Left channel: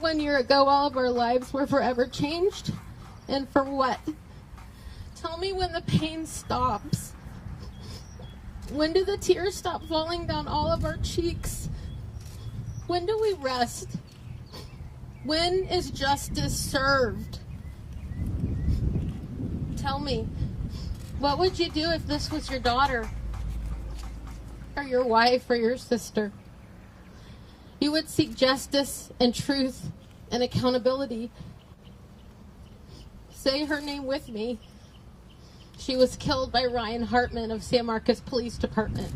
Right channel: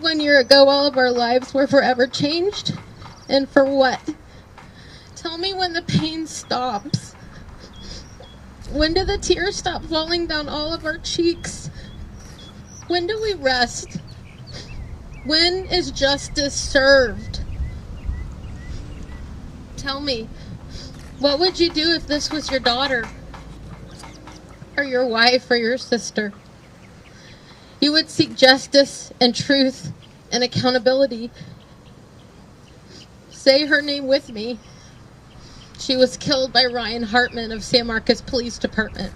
1 year ago, all of our lives were forever changed. And for what? Tell me when the pain stops. When do the tears stop falling down all of our cheeks? When do we rest? When is justice served? Tell me, what would you do if this was your daughter? Or your wife or your sister? You would seek justice and truth and accountability. Say her name with me. She was killed by Ryan Hartman of San Marcos Police Department.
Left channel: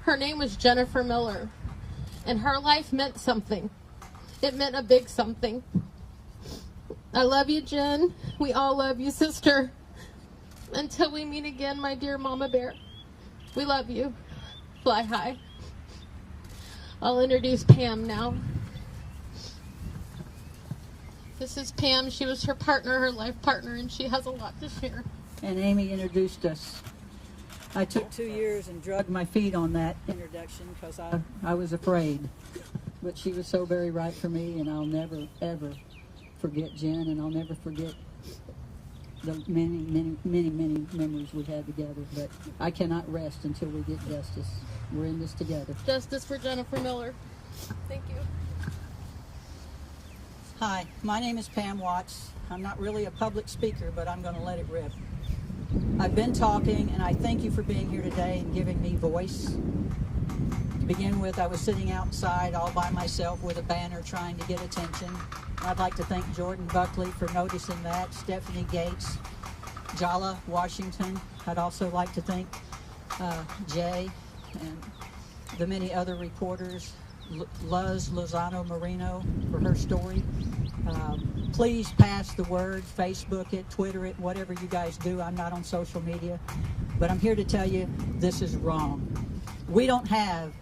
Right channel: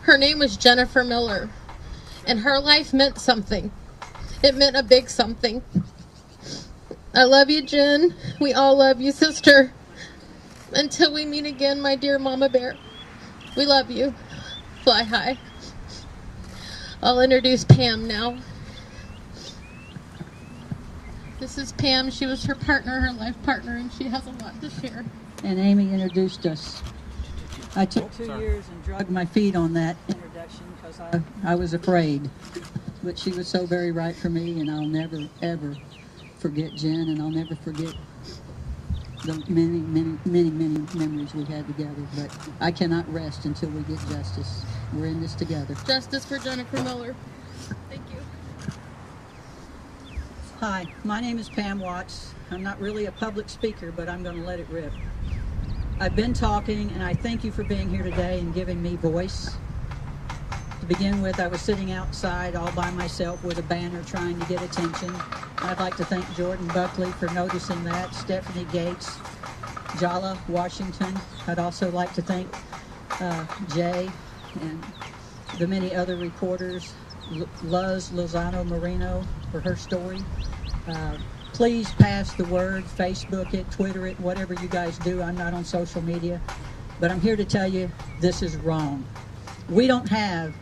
Her name was Jennifer Miller, and her life meant something. It meant a big something. I love you, Jen. We all love you, sister. Until we meet again, my dear Mama Bear. We love you. Fly high. I'll introduce Pam now. This is Pam. She was her partner, her life partner, and she has a lot to share. And Amy introduced us. I took 2 years and drugged my feet on that introduction because I was afraid. But she was so very right for me, and I'll never, ever forget Jen, and I'll never forget the many, many, many, many memories we had together. But I cannot rest until we get justice. We're in this together. Justice for Jennifer Miller. Thank you. Hi, my name is Pam Watts. I'm not really a public speaker, but I'm going to let it rip. I've been talking, and I thank you for being here today and giving me voice. To begin with, I was sitting outside all by myself with a banner trying to get attention. I'd like to thank Jordan Buckley for noticing that, Stephanie Gates, Jala Washington. I'd also like to thank Jay and the many other reporters, Luz Lozano Marino for her story. Please pass the word, Facebook it, Twitter it, whatever you guys do. I'm not on social media, but I'm here to tell you this is wrong. We don't have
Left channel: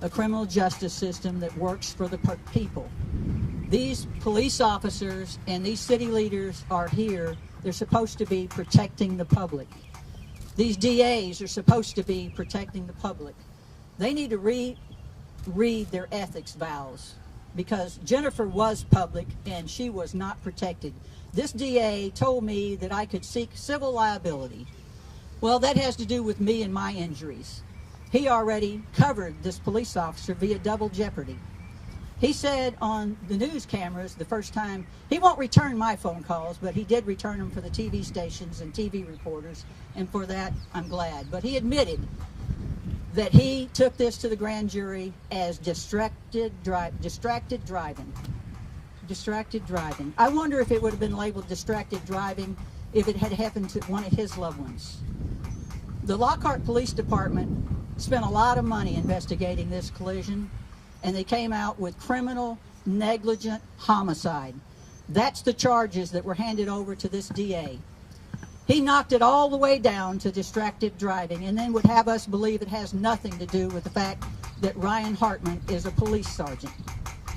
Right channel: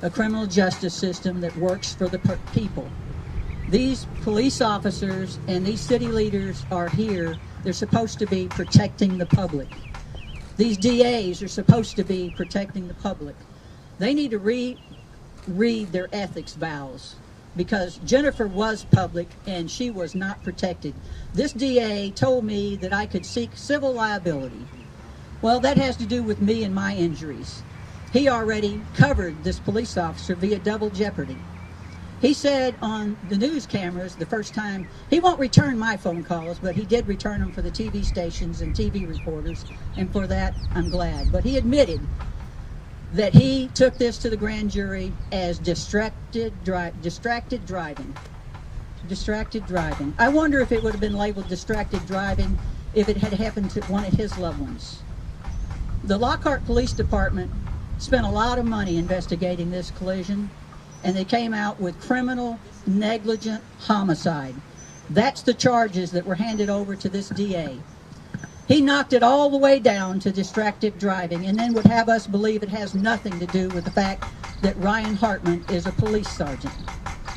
a criminal justice system that works for the people. These police officers and these city leaders are here. They're supposed to be protecting the public. These DAs are supposed to be protecting the public. They need to read their ethics vows, because Jennifer was public and she was not protected. This DA told me that I could seek civil liability. Well, that has to do with me and my injuries. He already covered this police officer via double jeopardy. He said on the news cameras the first time, he won't return my phone calls, but he did return them for the TV stations and TV reporters, and for that I'm glad. But he admitted that he took this to the grand jury as distracted driving. Distracted driving. I wonder if it would have been labeled distracted driving if it had happened to one of his loved ones. The Lockhart Police Department spent a lot of money investigating this collision, and they came out with criminal negligent homicide. That's the charges that were handed over to this DA. He knocked it all the way down to distracted driving, and then would have us believe it has nothing to do with the fact that Ryan Hartman is a police sergeant.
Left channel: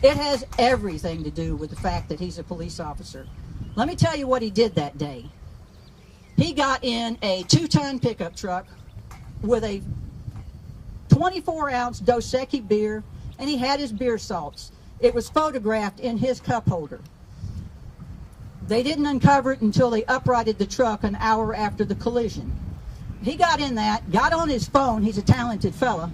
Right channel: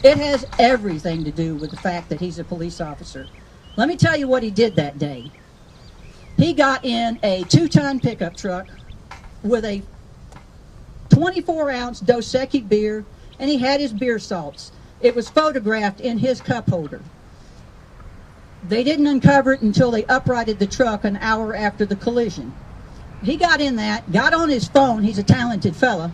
It has everything to do with the fact that he's a police officer. Let me tell you what he did that day. He got in a 2-ton pickup truck with a 24-ounce Dos Equis beer, and he had his beer salts. It was photographed in his cup holder. They didn't uncover it until they uprighted the truck an hour after the collision. He got in that, got on his phone, he's a talented fella,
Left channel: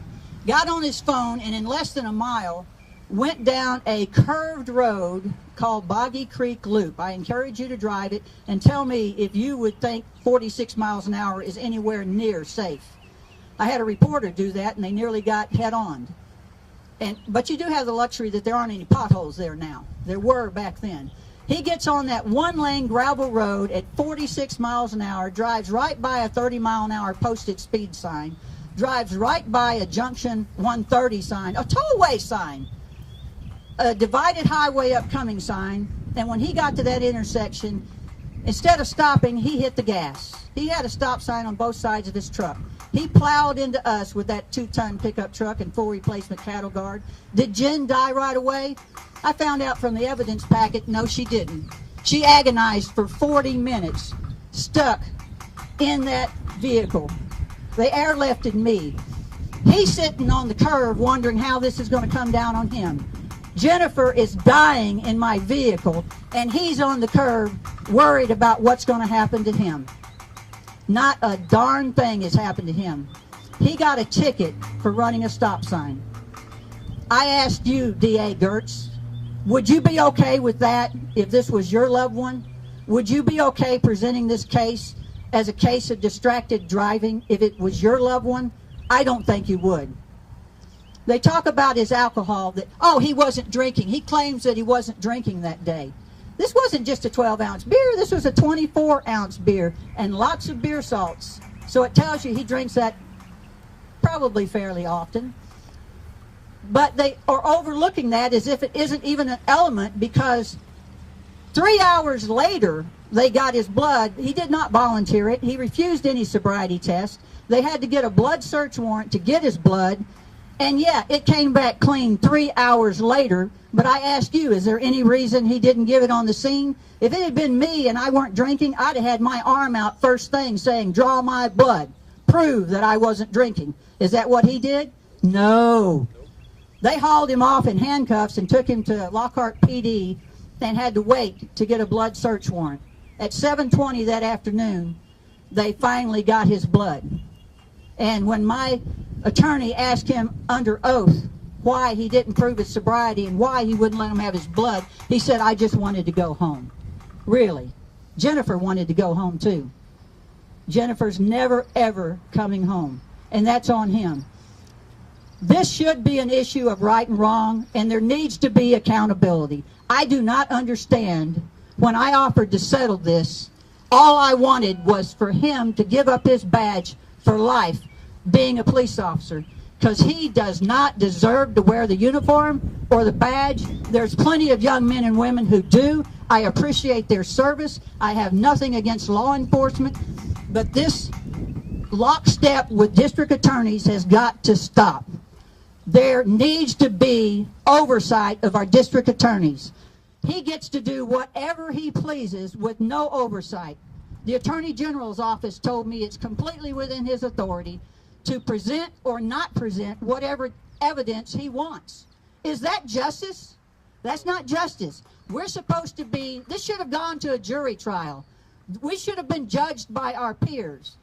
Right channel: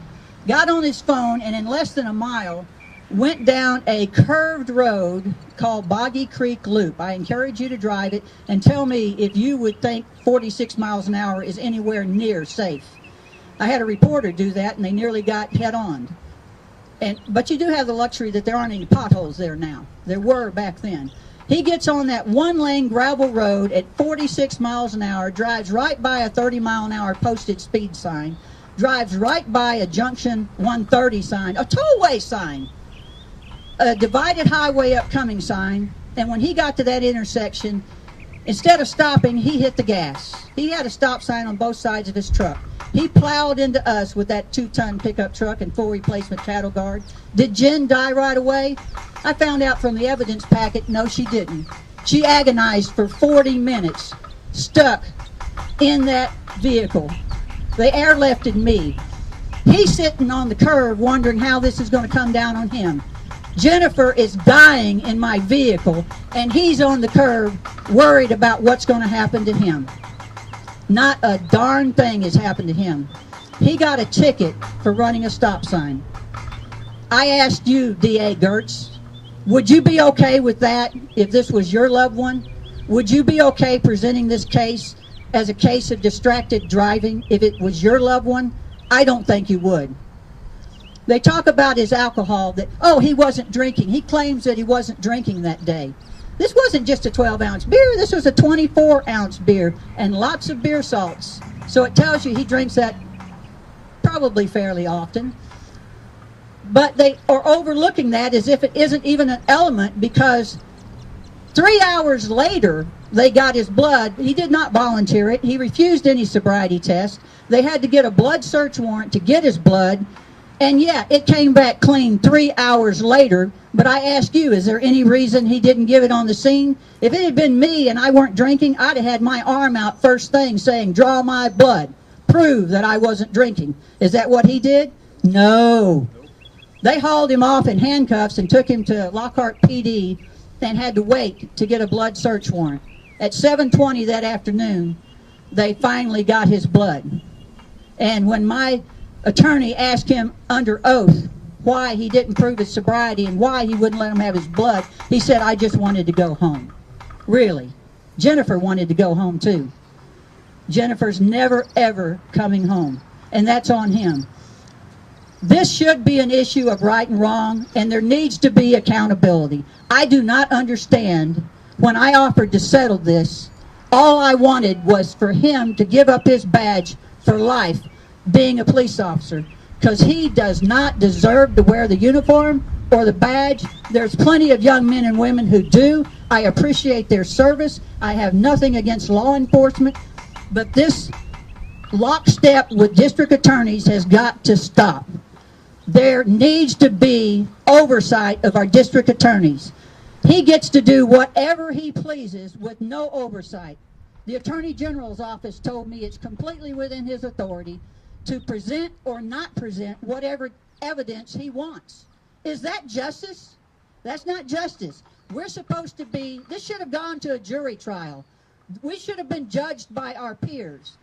got on his phone, and in less than a mile, went down a curved road called Boggy Creek Loop. I encourage you to drive it and tell me if you would think 46 miles an hour is anywhere near safe. I had a reporter do that, and they nearly got head-on. But you do have the luxury that there aren't any potholes there now. There were back then. He gets on that one-lane gravel road at 46 miles an hour, drives right by a 30-mile-an-hour posted speed sign, drives right by a junction 130 sign, a tollway sign, a divided highway upcoming sign, and when he got to that intersection, instead of stopping, he hit the gas. He had a stop sign on both sides of his truck. He plowed into us with that 2-ton pickup truck and full replacement cattle guard. Did Jen die right away? I found out from the evidence packet, no, she didn't. She agonized for 40 minutes, stuck in that vehicle. They airlifted me. He's sitting on the curb wondering how this is going to come down on him. Jennifer is dying in my vehicle, and he's on the curb worried about what's going to happen to him. Not a darn thing has happened to him. He got a ticket for running a stop sign. I asked you, D.A. Gertz, would you be okay with that if this was your loved one? Would you be okay presenting this case as a case of distracted driving if it was your loved one? I don't think you would. They talk about his alcohol, that, oh, he wasn't drinking. He claims that he wasn't drinking that day. This wasn't just a 12-ounce beer. This was a 24-ounce beer and lots of beer salts. So it tells you he drinks that probably fairly often. But they are overlooking that as if it isn't even an element, because 3 hours later, they got his blood. He did not volunteer it. He refused any sobriety test. They had to get a blood search warrant to get his blood. And yeah, it came back clean 3 hours later. But I asked you, is there any reason he didn't give it on the scene? If it had been me and I weren't drinking, I'd have had my arm out first thing saying, draw my blood. Prove that I wasn't drinking. Is that what he did? No. They hauled him off in handcuffs and took him to Lockhart PD and had to wait to get a blood search warrant. At 7:20 that afternoon, they finally got his blood. And when my attorney asked him under oath why he didn't prove his sobriety and why he wouldn't let him have his blood, he said, I just wanted to go home. Really. Jennifer wanted to go home too. Jennifer's never, ever coming home. And that's on him. This should be an issue of right and wrong, and there needs to be accountability. I do not understand. When I offered to settle this, all I wanted was for him to give up his badge for life being a police officer, because he does not deserve to wear the uniform or the badge. There's plenty of young men and women who do. I appreciate their service. I have nothing against law enforcement, but this lockstep with district attorneys has got to stop. There needs to be oversight of our district attorneys. He gets to do whatever he pleases with no oversight. The Attorney General's office told me it's completely within his authority to present or not present whatever evidence he wants. Is that justice? That's not justice. We're supposed to be, this should have gone to a jury trial. We should have been judged by our peers.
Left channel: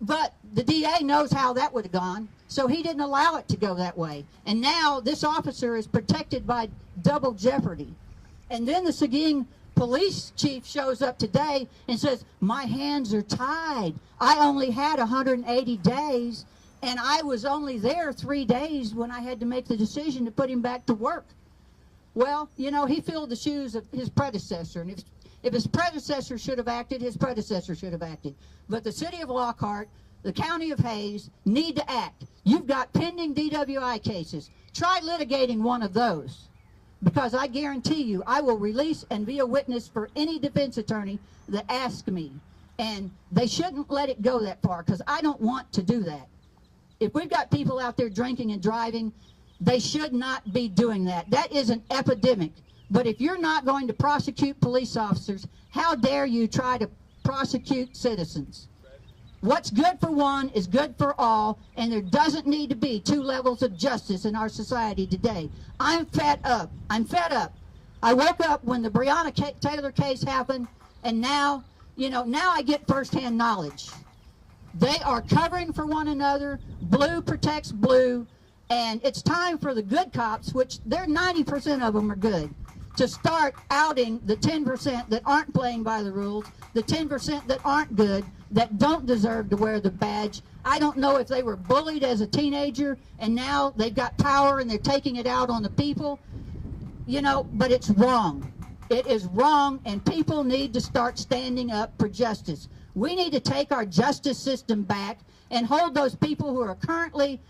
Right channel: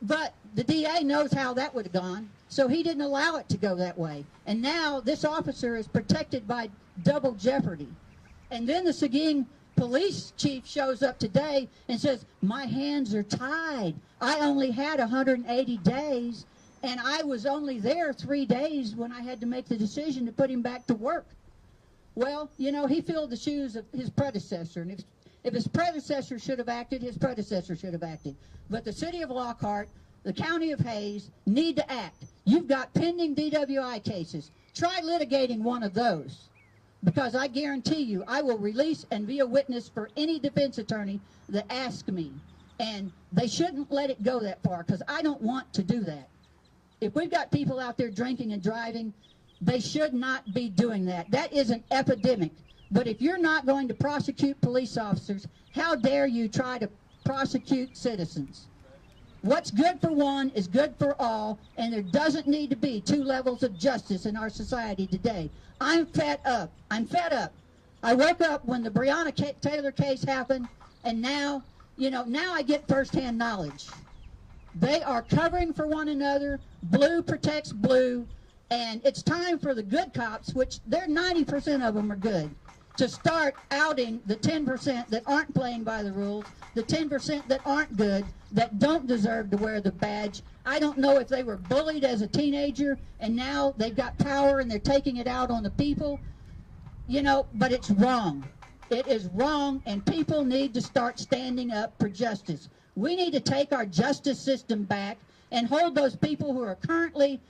But the DA knows how that would have gone, so he didn't allow it to go that way. And now this officer is protected by double jeopardy. And then the Seguin police chief shows up today and says, my hands are tied. I only had 180 days, and I was only there 3 days when I had to make the decision to put him back to work. Well, you know, he filled the shoes of his predecessor. And if his predecessor should have acted, his predecessor should have acted. But the city of Lockhart, the county of Hayes, need to act. You've got pending DWI cases. Try litigating one of those, because I guarantee you I will release and be a witness for any defense attorney that asks me. And they shouldn't let it go that far, because I don't want to do that. If we've got people out there drinking and driving, they should not be doing that. That is an epidemic. But if you're not going to prosecute police officers, how dare you try to prosecute citizens? What's good for one is good for all, and there doesn't need to be two levels of justice in our society today. I'm fed up. I'm fed up. I woke up when the Breonna Taylor case happened, and now, you know, now I get firsthand knowledge. They are covering for one another. Blue protects blue, and it's time for the good cops, which they're 90% of them are good, to start outing the 10% that aren't playing by the rules, the 10% that aren't good, that don't deserve to wear the badge. I don't know if they were bullied as a teenager and now they've got power and they're taking it out on the people, you know, but it's wrong. It is wrong, and people need to start standing up for justice. We need to take our justice system back and hold those people who are currently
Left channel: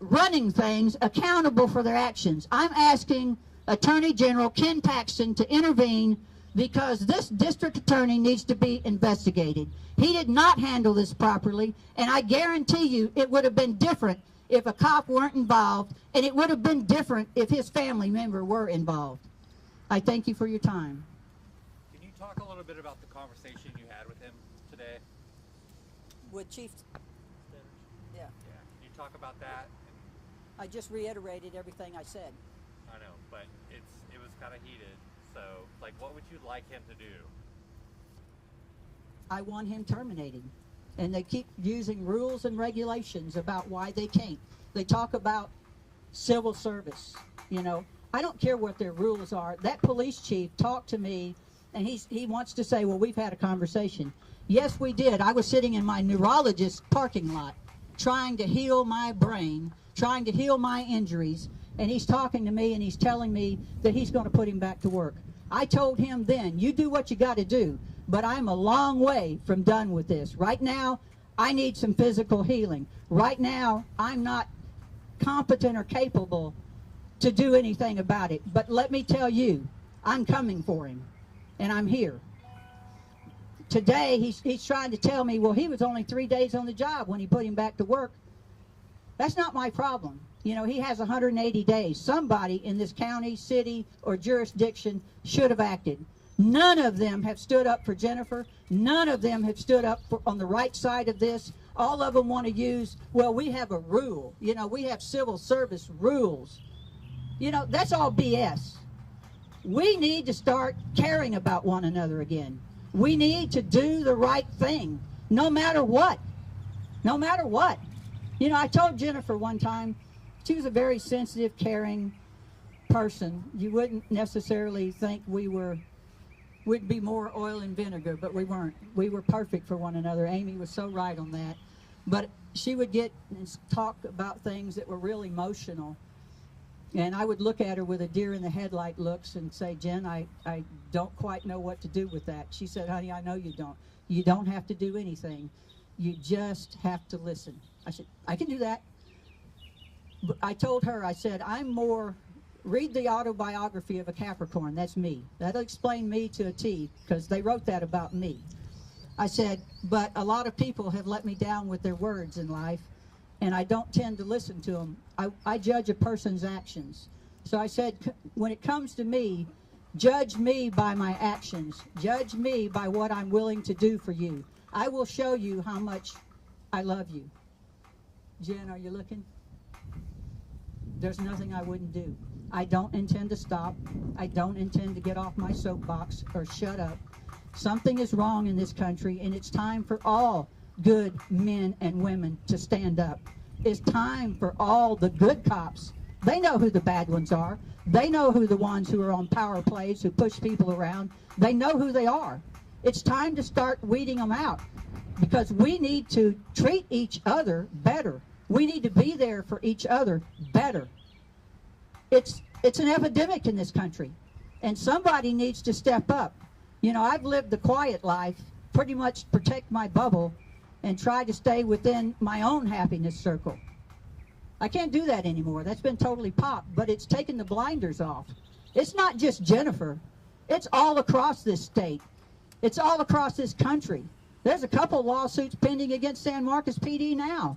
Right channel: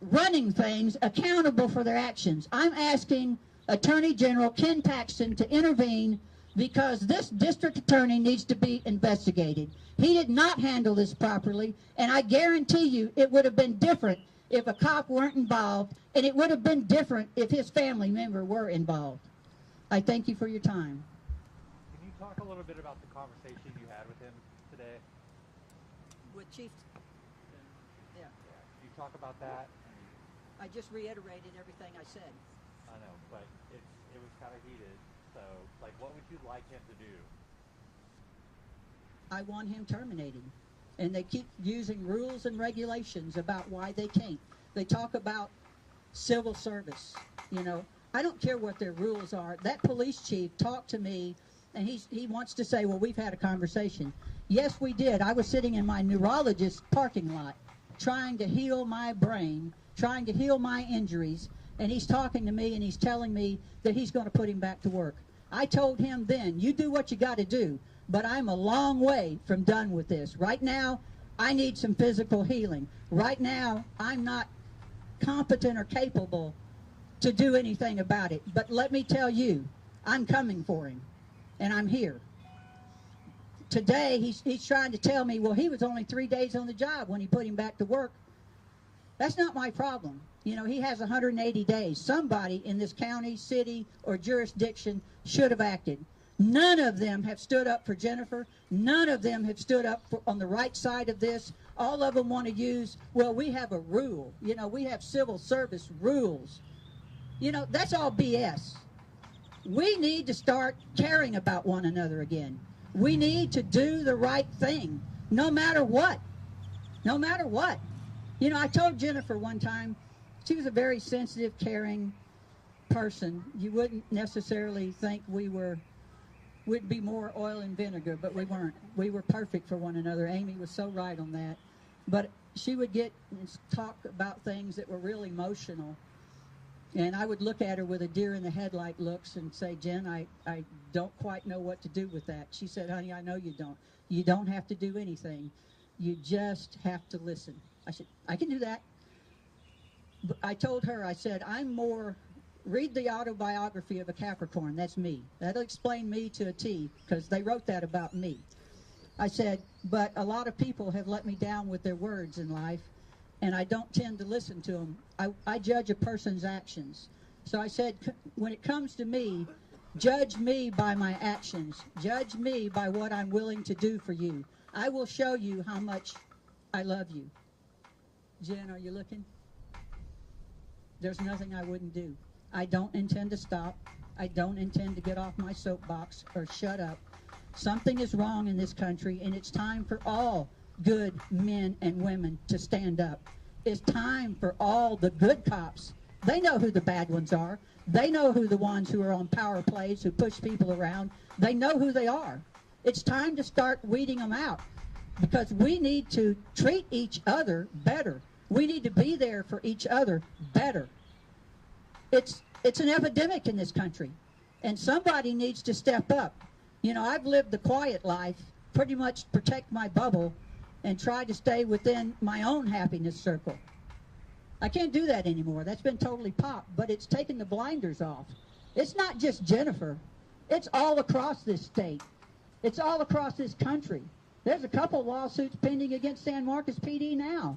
running things accountable for their actions. I'm asking Attorney General Ken Paxton to intervene, because this district attorney needs to be investigated. He did not handle this properly, and I guarantee you it would have been different if a cop weren't involved, and it would have been different if his family member were involved. I thank you for your time. Can you talk a little bit about the conversation you had with him today? With Chief? Yeah. Can you talk about that? I just reiterated everything I said. I know, but it was kind of heated. So, like, what would you like him to do? I want him terminated. And they keep using rules and regulations about why they can't. They talk about civil service, you know. I don't care what their rules are. That police chief talked to me, and he wants to say, well, we've had a conversation. Yes, we did. I was sitting in my neurologist's parking lot trying to heal my brain, trying to heal my injuries, and he's talking to me and he's telling me that he's going to put him back to work. I told him then, you do what you got to do, but I'm a long way from done with this. Right now, I need some physical healing. Right now, I'm not competent or capable to do anything about it. But let me tell you, I'm coming for him, and I'm here. Today, he's trying to tell me, well, he was only 3 days on the job when he put him back to work. That's not my problem. You know, he has 180 days. Somebody in this county, city, or jurisdiction should have acted. None of them have stood up for Jennifer. None of them have stood up on the right side of this. All of them want to use, well, we have a rule. You know, we have civil service rules. You know, that's all BS. We need to start caring about one another again. We need to do the right thing, no matter what. No matter what. You know, I told Jennifer one time, she was a very sensitive, caring person. You wouldn't necessarily think we'd be more oil and vinegar, but we weren't. We were perfect for one another. Amy was so right on that. But she would get and talk about things that were real emotional. And I would look at her with a deer in the headlight looks and say, Jen, I don't quite know what to do with that. She said, honey, I know you don't. You don't have to do anything. You just have to listen. I said, I can do that. But I told her, I said, read the autobiography of a Capricorn. That's me. That'll explain me to a T, because they wrote that about me. I said, but a lot of people have let me down with their words in life, and I don't tend to listen to them. I judge a person's actions. So I said, when it comes to me, judge me by my actions. Judge me by what I'm willing to do for you. I will show you how much I love you. Jen, are you looking? There's nothing I wouldn't do. I don't intend to stop. I don't intend to get off my soapbox or shut up. Something is wrong in this country, and it's time for all good men and women to stand up. It's time for all the good cops. They know who the bad ones are. They know who the ones who are on power plays, who push people around. They know who they are. It's time to start weeding them out, because we need to treat each other better. We need to be there for each other better. It's an epidemic in this country, and somebody needs to step up. You know, I've lived the quiet life, pretty much protect my bubble, and try to stay within my own happiness circle. I can't do that anymore. That's been totally popped, but it's taken the blinders off. It's not just Jennifer. It's all across this state. It's all across this country. There's a couple lawsuits pending against San Marcos PD now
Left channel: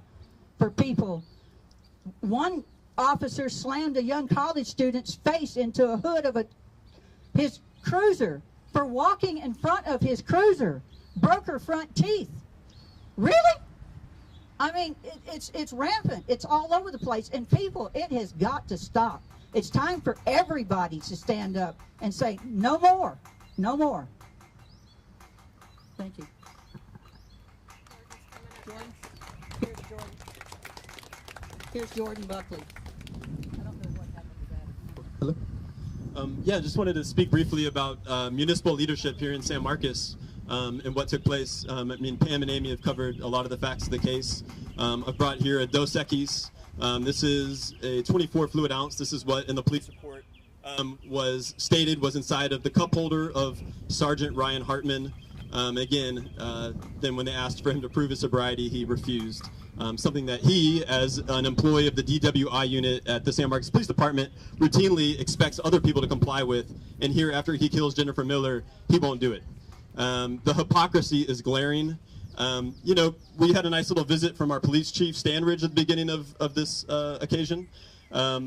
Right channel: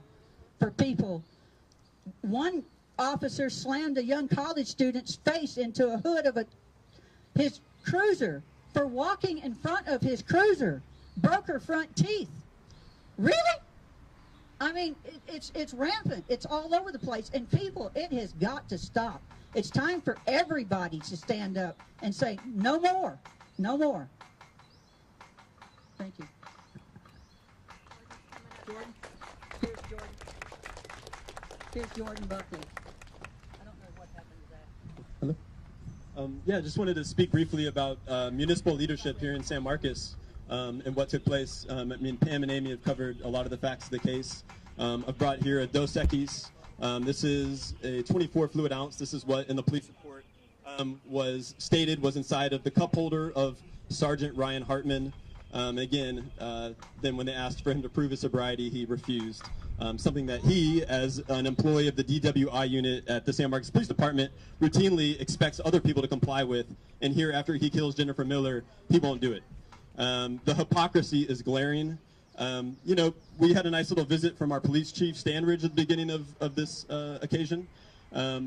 for people. One officer slammed a young college student's face into a hood of his cruiser for walking in front of his cruiser. Broke her front teeth. Really? I mean, it's rampant. It's all over the place. And people, it has got to stop. It's time for everybody to stand up and say, no more. No more. Thank you. Jordan? Here's Jordan. Here's Jordan Buckley. I don't know what happened to that. Hello? Yeah, just wanted to speak briefly about municipal leadership here in San Marcos and what took place. I mean, Pam and Amy have covered a lot of the facts of the case. I've brought here a Dos Equis. This is a 24 fluid ounce. This is what in the police report was stated was inside of the cup holder of Sergeant Ryan Hartman. Again, then when they asked for him to prove his sobriety, he refused. Something that he, as an employee of the DWI unit at the San Marcos Police Department, routinely expects other people to comply with, and here after he kills Jennifer Miller, he won't do it. The hypocrisy is glaring. You know, we had a nice little visit from our police chief, Stanridge, at the beginning of this occasion. I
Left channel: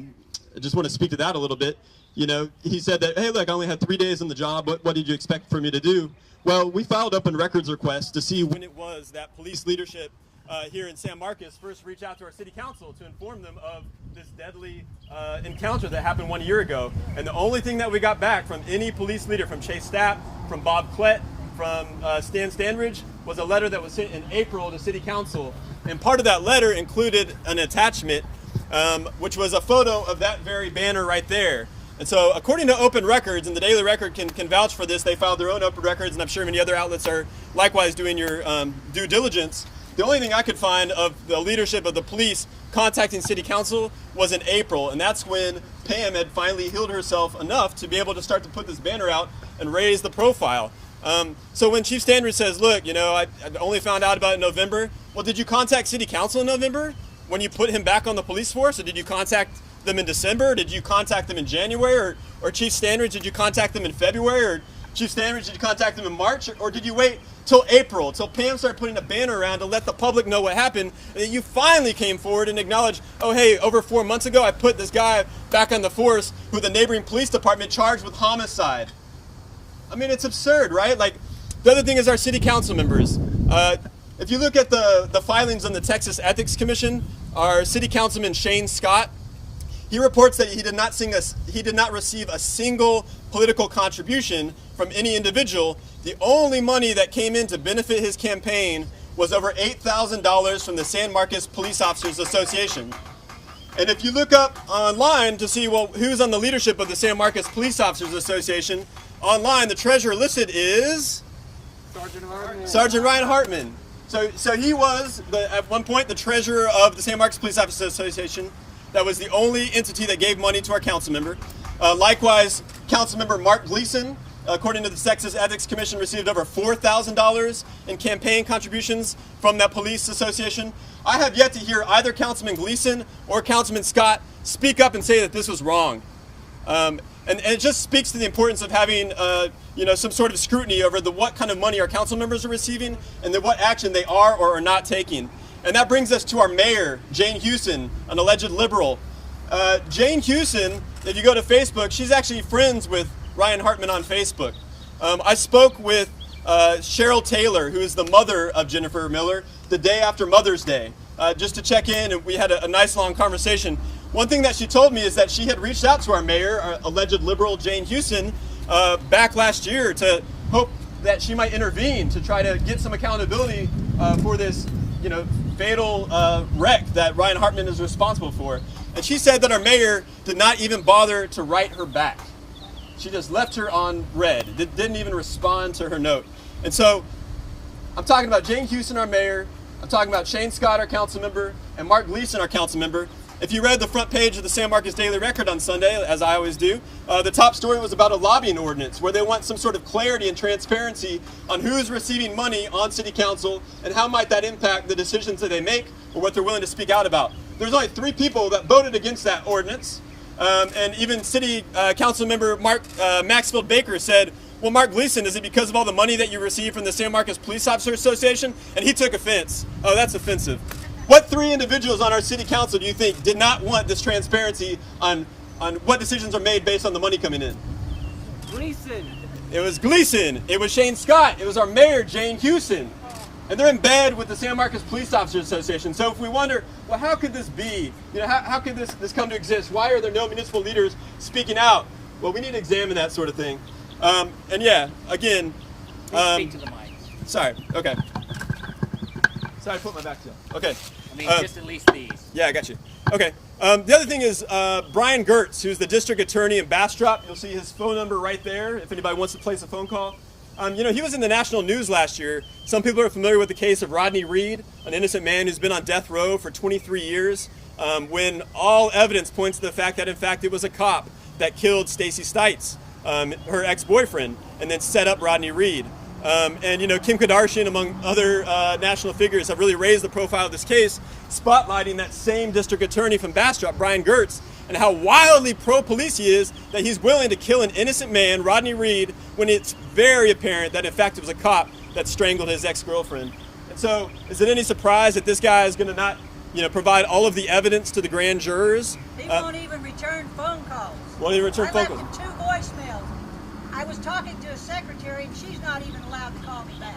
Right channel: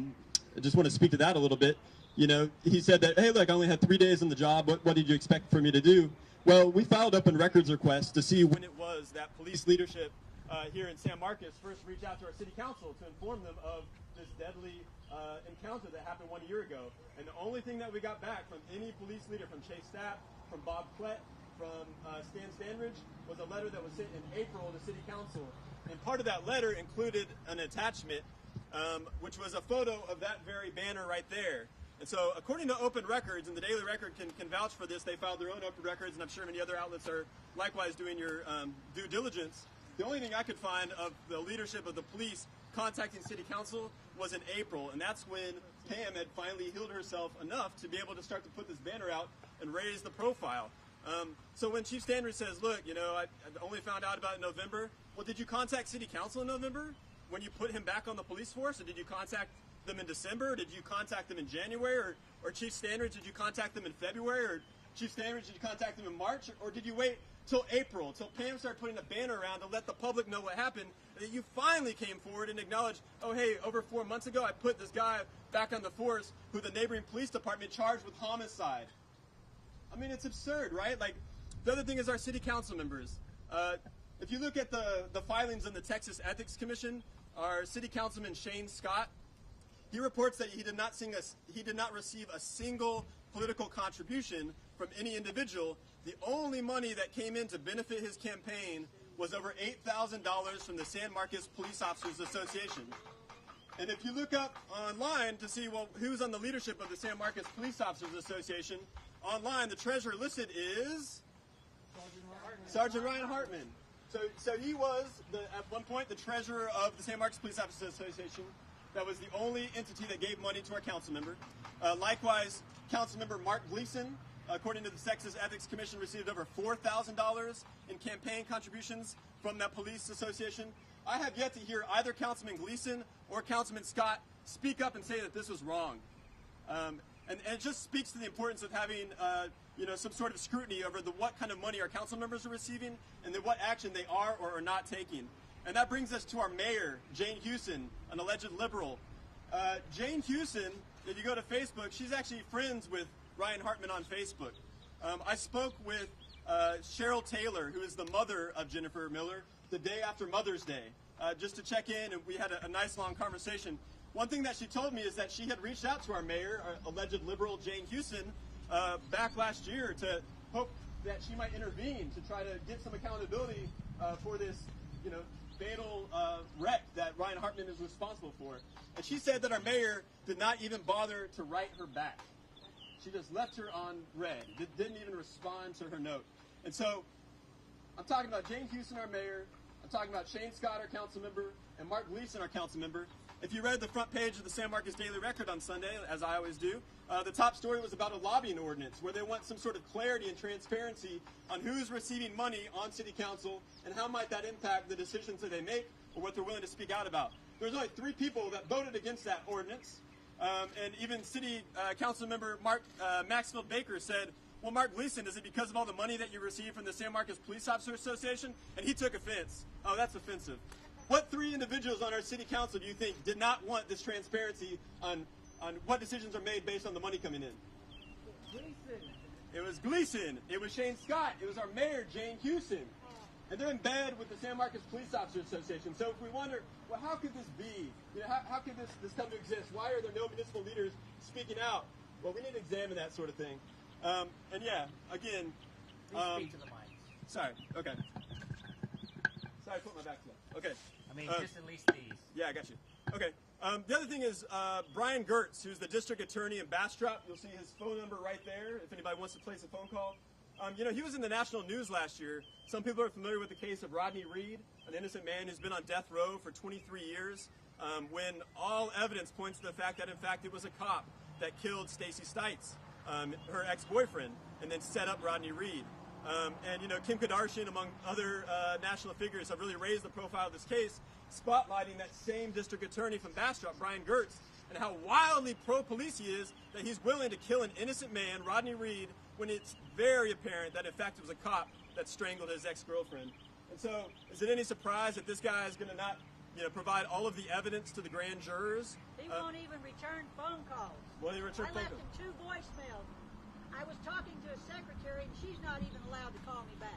just want to speak to that a little bit. You know, he said that, hey, look, I only had 3 days on the job. What did you expect for me to do? Well, we filed open records requests to see when it was that police leadership here in San Marcos first reached out to our city council to inform them of this deadly encounter that happened 1 year ago. And the only thing that we got back from any police leader, from Chase Stapp, from Bob Klett, from Stan Standridge, was a letter that was sent in April to City Council. And part of that letter included an attachment, which was a photo of that very banner right there. And so according to Open Records, and the Daily Record can vouch for this, they filed their own Open Records, and I'm sure many other outlets are likewise doing your due diligence. The only thing I could find of the leadership of the police contacting City Council was in April, and that's when Pam had finally healed herself enough to be able to start to put this banner out and raise the profile. So when Chief Standridge says, look, you know, I only found out about it in November, well, did you contact City Council in November when you put him back on the police force, or did you contact them in December? Did you contact them in January? Or Chief Standridge, did you contact them in February? Or Chief Standridge, did you contact them in March? Or did you wait till April, till Pam started putting a banner around to let the public know what happened, and then you finally came forward and acknowledged, oh hey, over 4 months ago I put this guy back on the force who the neighboring police department charged with homicide. I mean, it's absurd, right? Like, the other thing is our city council members. If you look at the filings on the Texas Ethics Commission, our city councilman Shane Scott, he reports that he did not receive a single political contribution from any individual. The only money that came in to benefit his campaign was over $8,000 from the San Marcos Police Officers Association. And if you look up online to see, well, who's on the leadership of the San Marcos Police Officers Association, online the treasurer listed is Sergeant Ryan Hartman. So he was, at one point, the treasurer of the San Marcos Police Officers Association. That was the only entity that gave money to our council member. Likewise, council member Mark Gleason, according to the Texas Ethics Commission, received over $4,000 in campaign contributions from that police association. I have yet to hear either Councilman Gleason or Councilman Scott speak up and say that this was wrong. And it just speaks to the importance of having some sort of scrutiny over what kind of money our council members are receiving and then what action they are or are not taking. And that brings us to our mayor, Jane Houston, an alleged liberal. Jane Houston, if you go to Facebook, she's actually friends with Ryan Hartman on Facebook. I spoke with Cheryl Taylor, who is the mother of Jennifer Miller, the day after Mother's Day, just to check in, and we had a nice long conversation. One thing that she told me is that she had reached out to our mayor, our alleged liberal Jane Houston, back last year to hope that she might intervene to try to get some accountability for this, fatal wreck that Ryan Hartman is responsible for. And she said that our mayor did not even bother to write her back. She just left her on red, didn't even respond to her note. And so I'm talking about Jane Houston, our mayor. I'm talking about Shane Scott, our council member, and Mark Gleason, our council member. If you read the front page of the San Marcos Daily Record on Sunday, as I always do, the top story was about a lobbying ordinance where they want some sort of clarity and transparency on who's receiving money on city council and how might that impact the decisions that they make or what they're willing to speak out about. There's only 3 people that voted against that ordinance. And even city council member Maxfield Baker said, well, Mark Gleason, is it because of all the money that you received from the San Marcos Police Officers Association? And he took offense. Oh, that's offensive. What 3 individuals on our city council do you think did not want this transparency on what decisions are made based on the money coming in? Gleason. It was Gleason. It was Shane Scott. It was our mayor, Jane Houston. And they're in bed with the San Marcos Police Officers Association. So if we wonder, well, how could this be? How could this come to exist? Why are there no municipal leaders speaking out? Well, we need to examine that sort of thing. And yeah, again. Speak to the mic. Sorry. Okay. Sorry, I put my back to you. Okay. I mean, just at least these. Yeah, I got you. Okay. The other thing is Brian Gertz, who's the district attorney in Bastrop. You'll see his phone number right there if anybody wants to place a phone call. He was in the national news last year. Some people are familiar with the case of Rodney Reed, an innocent man who's been on death row for 23 years, when all evidence points to the fact that, in fact, it was a cop that killed Stacy Stites, her ex-boyfriend, and then set up Rodney Reed. Kim Kardashian, among other national figures, have really raised the profile of this case, spotlighting that same district attorney from Bastrop, Brian Gertz, and how wildly pro-police he is that he's willing to kill an innocent man, Rodney Reed, when it's very apparent that, in fact, it was a cop that strangled his ex-girlfriend. And so, is it any surprise that this guy is going to not, provide all of the evidence to the grand jurors? He won't even return phone calls. Won't even return phone calls. I left him 2 voicemails. I was talking to his secretary, and she's not even allowed to call me back.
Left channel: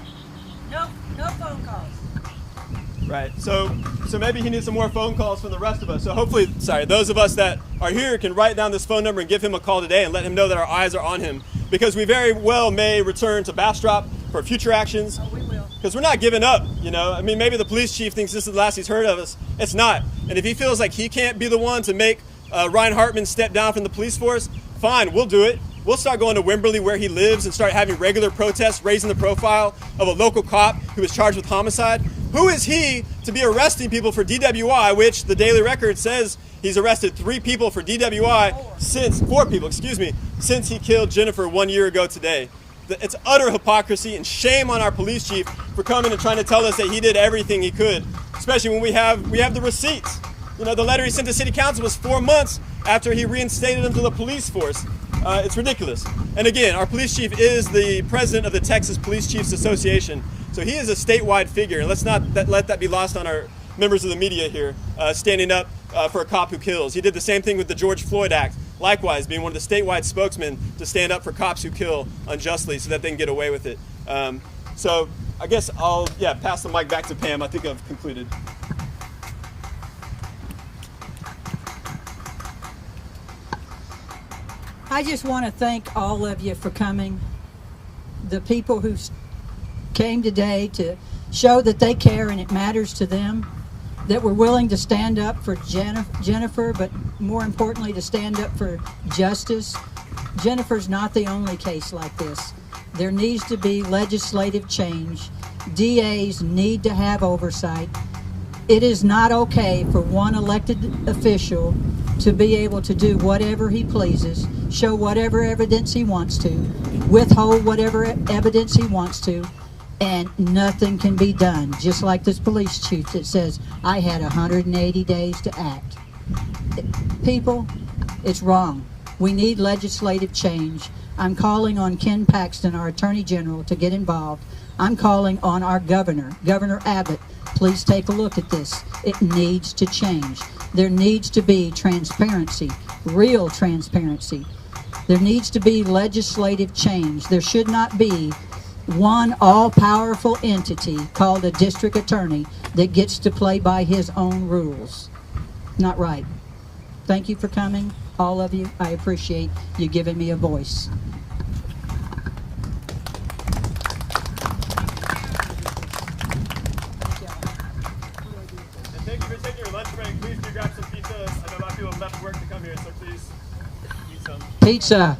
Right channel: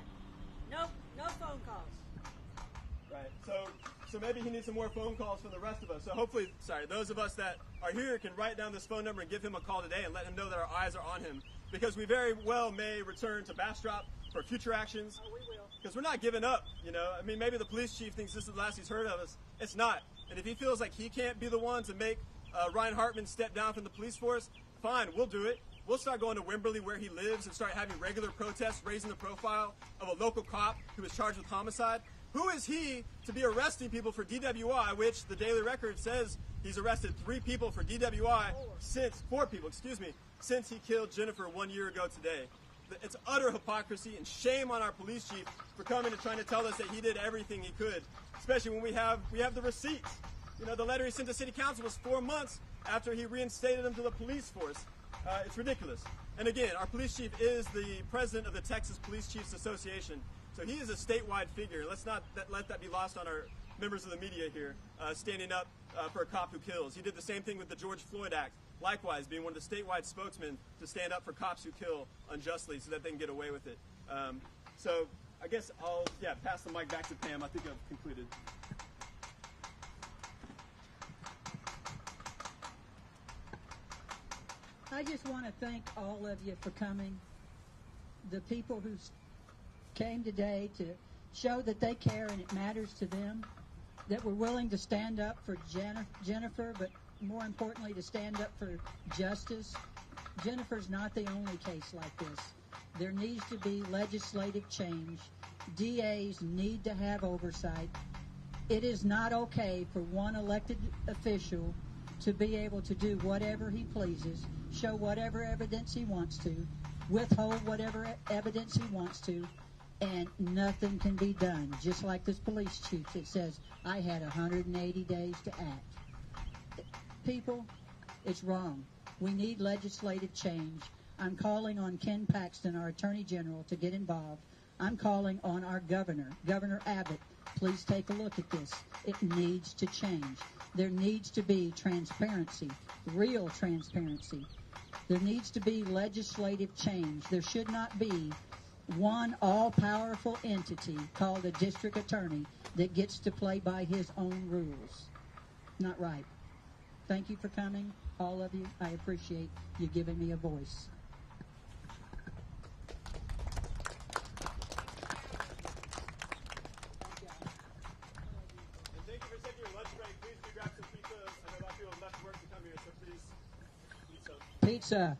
No phone calls. Right. So maybe he needs some more phone calls from the rest of us. So hopefully, those of us that are here can write down this phone number and give him a call today and let him know that our eyes are on him, because we very well may return to Bastrop for future actions. Oh, we will. Because we're not giving up, you know. I mean, maybe the police chief thinks this is the last he's heard of us. It's not. And if he feels like he can't be the one to make Ryan Hartman step down from the police force, fine, we'll do it. We'll start going to Wimberley where he lives and start having regular protests, raising the profile of a local cop who was charged with homicide. Who is he to be arresting people for DWI, which the Daily Record says he's arrested 3 people for DWI since, 4 people, excuse me, since he killed Jennifer 1 year ago today. It's utter hypocrisy, and shame on our police chief for coming and trying to tell us that he did everything he could, especially when we have the receipts. You know, the letter he sent to city council was 4 months after he reinstated him to the police force. It's ridiculous. And again, our police chief is the president of the Texas Police Chiefs Association, so he is a statewide figure, and let's not let that be lost on our members of the media here, standing up for a cop who kills. He did the same thing with the George Floyd Act, likewise being one of the statewide spokesmen to stand up for cops who kill unjustly so that they can get away with it. So I guess I'll pass the mic back to Pam. I think I've concluded. I just want to thank all of you for coming. The people who came today to show that they care and it matters to them, that we're willing to stand up for Jennifer, but more importantly to stand up for justice. Jennifer's not the only case like this. There needs to be legislative change. DAs need to have oversight. It is not okay for one elected official to be able to do whatever he pleases, show whatever evidence he wants to, withhold whatever evidence he wants to, and nothing can be done. Just like this police chief that says, I had 180 days to act. People, it's wrong. We need legislative change. I'm calling on Ken Paxton, our Attorney General, to get involved. I'm calling on our governor, Governor Abbott. Please take a look at this. It needs to change. There needs to be transparency, real transparency. There needs to be legislative change. There should not be one all-powerful entity called a district attorney that gets to play by his own rules. Not right. Thank you for coming, all of you. I appreciate you giving me a voice. And thank you for taking your lunch break. Please do grab some pizza. I know a lot of people have left work to come here, so please eat some. Pizza.